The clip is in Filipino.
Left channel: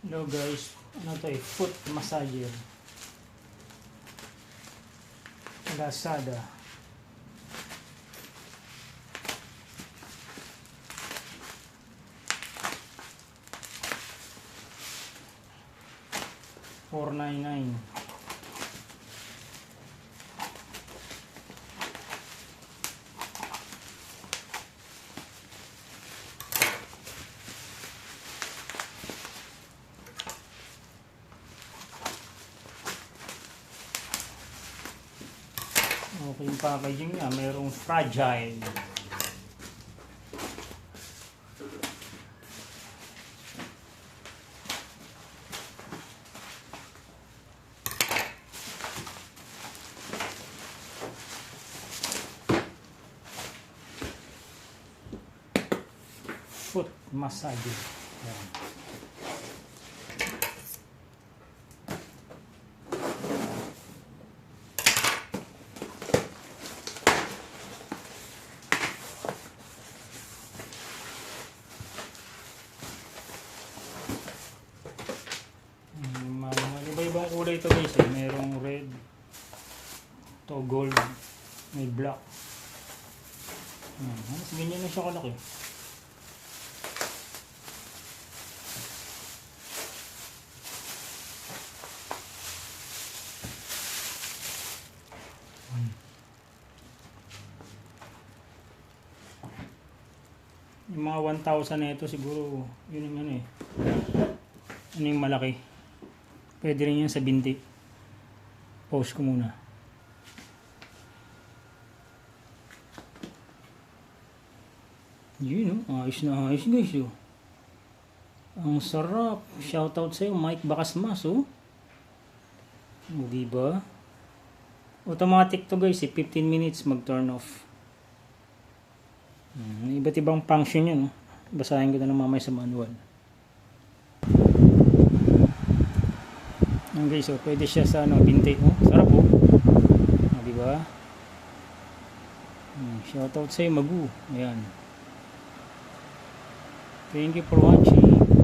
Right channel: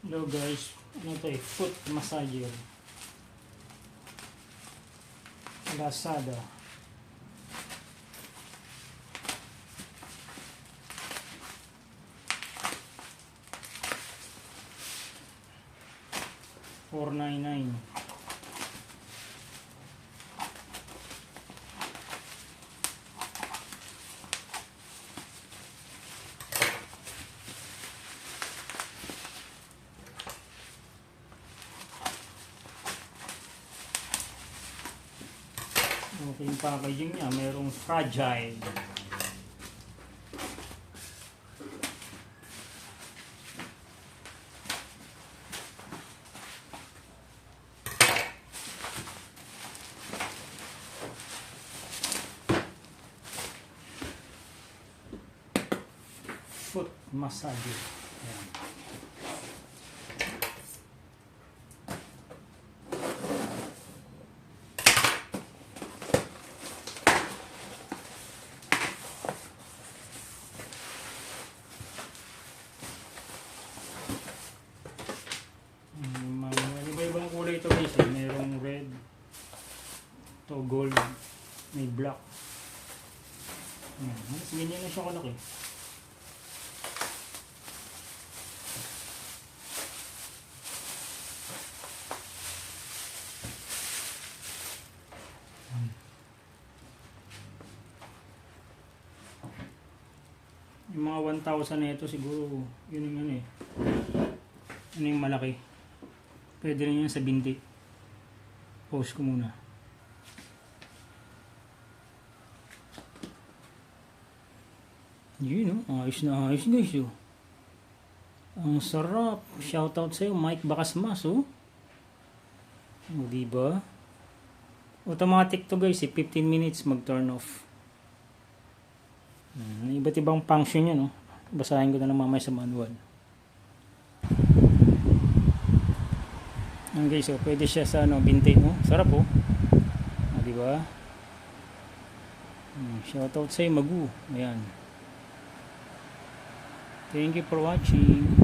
Hello guys, ano to foot massager. Lazada. $4.99. Okay yung packaging niya, mayroong fragile. Foot massage. Ayan. Iba-ibang kulay ito guys eh. Mayroong red, to gold, may black. Ganyan na siya kalaki. Yung mga 1,000 na ito siguro yun yung ano eh. Ano yung malaki. Pwede rin yun sa binti. Pause ko muna. Yun oh, ayos na ayos guys oh. Ang sarap. Shoutout sa'yo Mike Bacasmas oh. O diba? Automatic to guys eh. 15 minutes mag turn off. Iba't ibang function yun oh. Basahin ko na lang mamaya sa manual. Yan guys oh. Pwede siya sa ano, binti oh. Sarap oh. O diba? Shoutout sa'yo Magu. Ayan. Thank you for watching.